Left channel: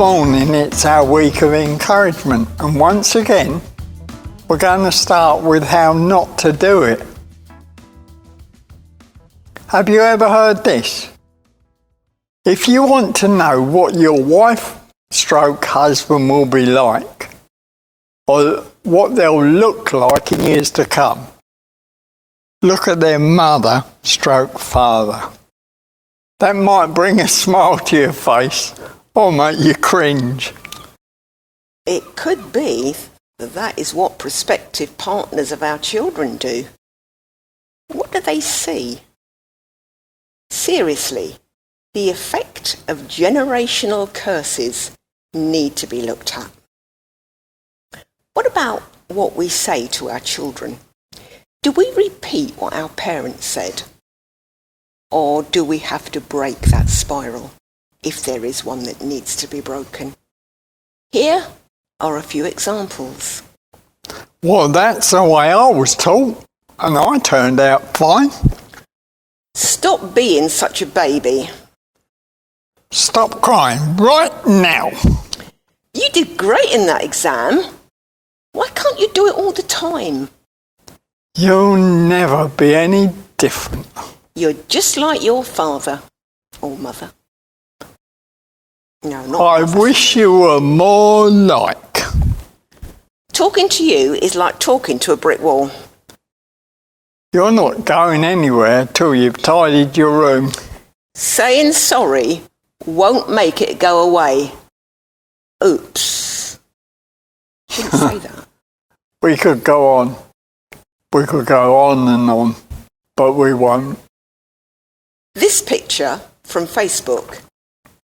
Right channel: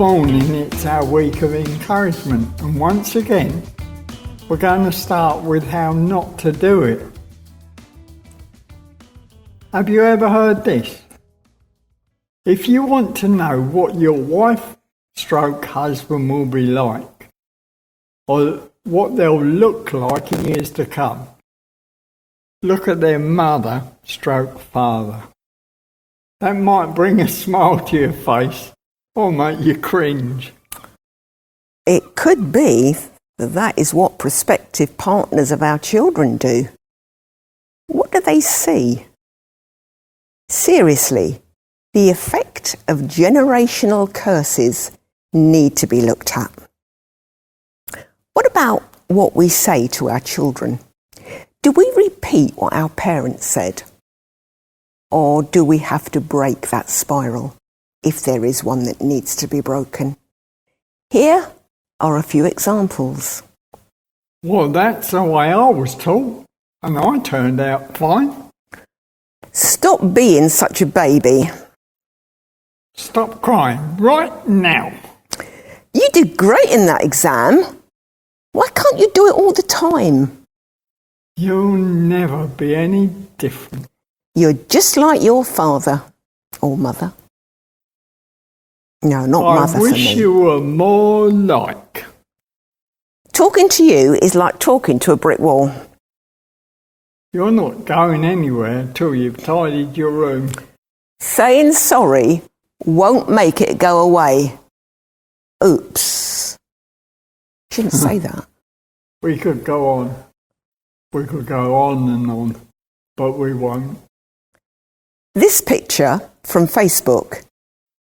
morning, it's our week of encouragement, and once again, we're going to start with how not to do it. Have you ever heard this? If you want to know what your wife/husband will be like, or what they'll look like in years to come, look at their mother/father. That might bring a smile to your face or make you cringe. It could be that is what prospective partners of our children do. What do they see? Seriously, the effect of generational curses need to be looked at. What about what we say to our children? Do we repeat what our parents said? Or do we have to break that spiral, if there is one that needs to be broken? Here are a few examples. Well, that's the way I was taught, and I turned out fine. Stop being such a baby. Stop crying right now. You did great in that exam. Why can't you do it all the time? You'll never be any different. You're just like your father or mother. No, not mother for me. I wish you were more like. Talking to you is like talking to a brick wall. You're not going anywhere till you've tidied your room. Saying sorry won't make it go away. Oops. Shouldn't say that. We could go on. We could go on and on, but we won't. This picture from Facebook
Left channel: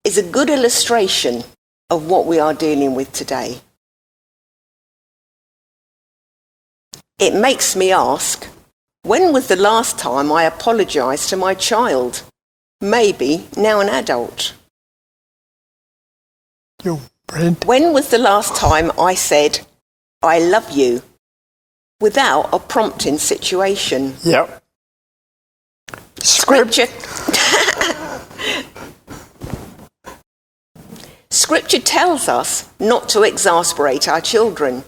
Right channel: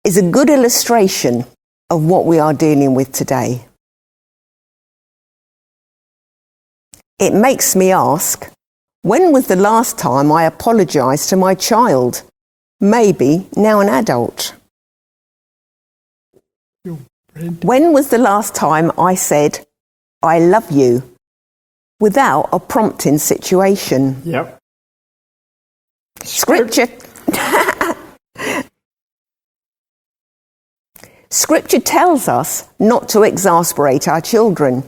is a good illustration of what we are dealing with today. It makes me ask, when was the last time I apologised to my child? Maybe now an adult. When was the last time I said, I love you, without a prompting situation? Yep. Scripture tells us not to exasperate our children.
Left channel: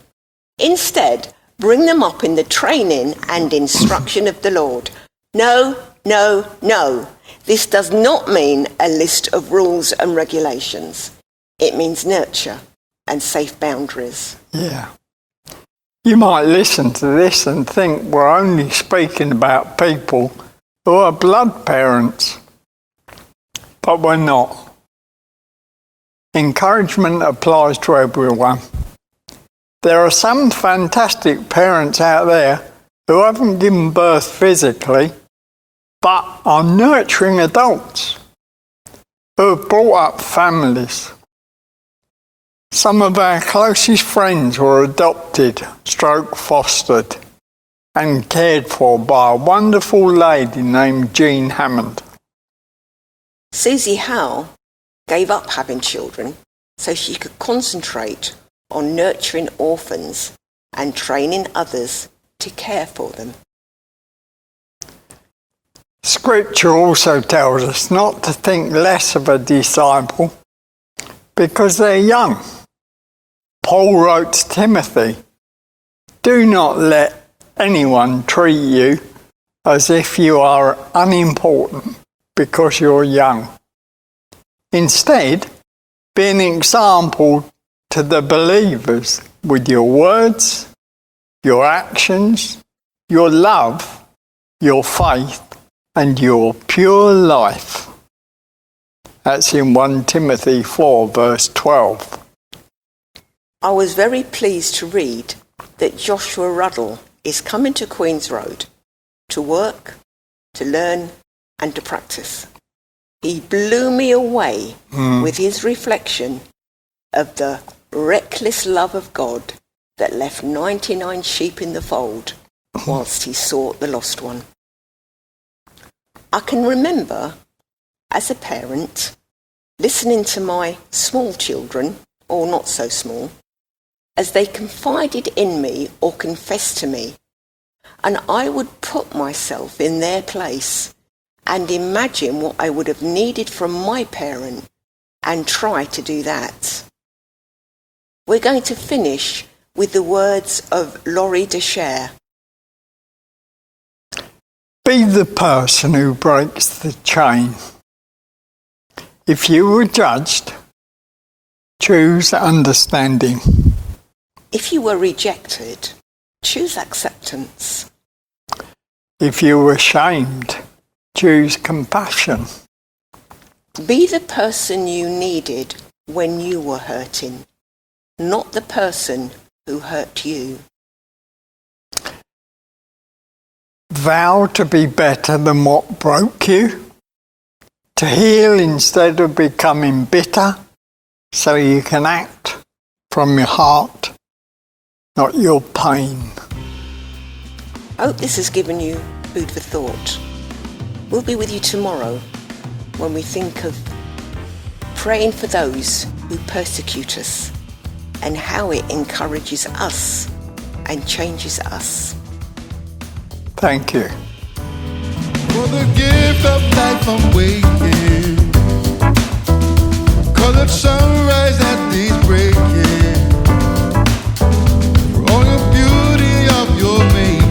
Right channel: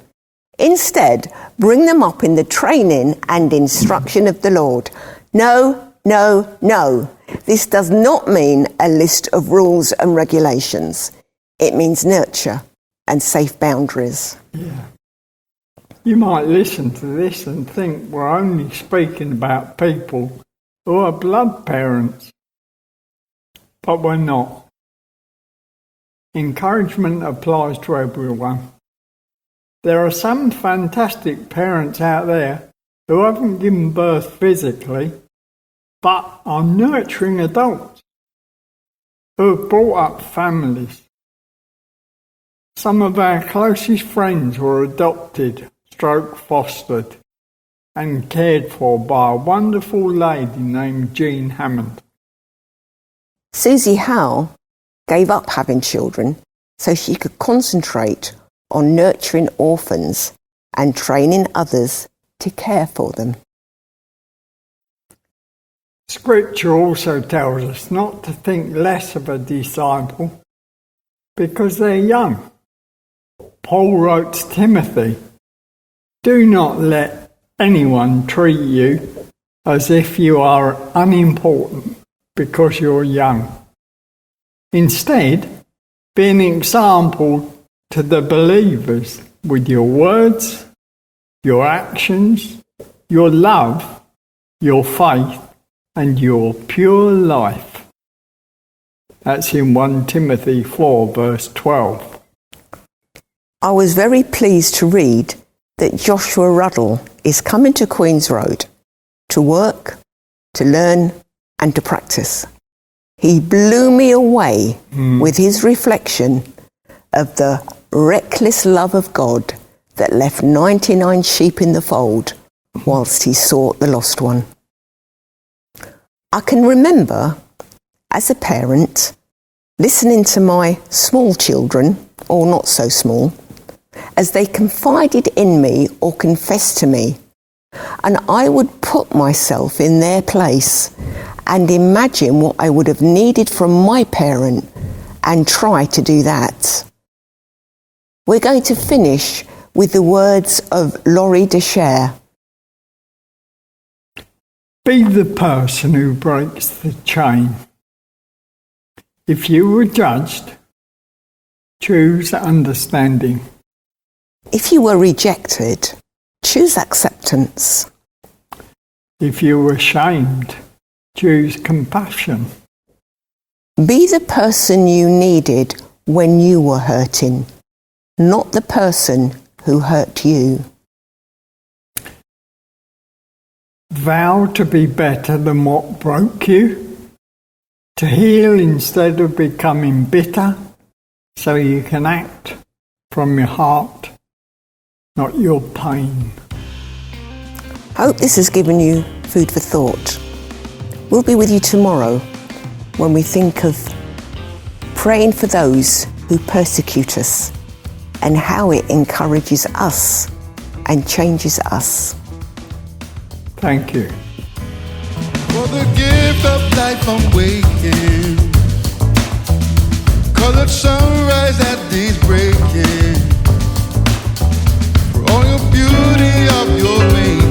Instead, bring them up in the training and instruction of the Lord. No, no, no. This does not mean a list of rules and regulations. It means nurture and safe boundaries. Yeah. You might listen to this and think we're only speaking about people who are blood parents, but we're not. Encouragement applies to everyone. There are some fantastic parents out there who haven't given birth physically, but are nurturing adults who have brought up families. Some of our closest friends were adopted/fostered and cared for by a wonderful lady named Jean Hammond. Susie Howe gave up having children so she could concentrate on nurturing orphans and training others to care for them. Scripture also tells us not to think less of a disciple because they're young. Paul wrote to Timothy, "Do not let anyone treat you as if you are unimportant because you're young. Instead, be an example to the believers with your words, your actions, your love, your faith, and your pure life." That's in 1 Timothy 4, verse 12. I was very pleased to read that Joshua Ruddle is coming to Queen's Road to work, to learn, and to practice. He blew me away with his reflection of the reckless love of God that left 99 sheep in the fold whilst he sought the lost one. I can remember, as a parent, listening to my small children, or not so small, as they confided in me or confessed to me, and I would put myself in their place and imagine what I would have needed from my parent and try to do that. We're going to finish with the words of Laurie Desher. Be the person who breaks the chain. If you were judged, choose understanding. If you were rejected, choose acceptance. If you were shamed, choose compassion. Be the person you needed when you were hurting, not the person who hurt you. Vow to be better than what broke you, to heal instead of becoming bitter, so you can act from your heart, not your pain. I hope this has given you food for thought. We'll be with you tomorrow when we think of praying for those who persecute us and how it encourages us and changes us. Thank you. For the gift of life I'm waking, colored sunrise at day's breaking, for all your beauty of your making.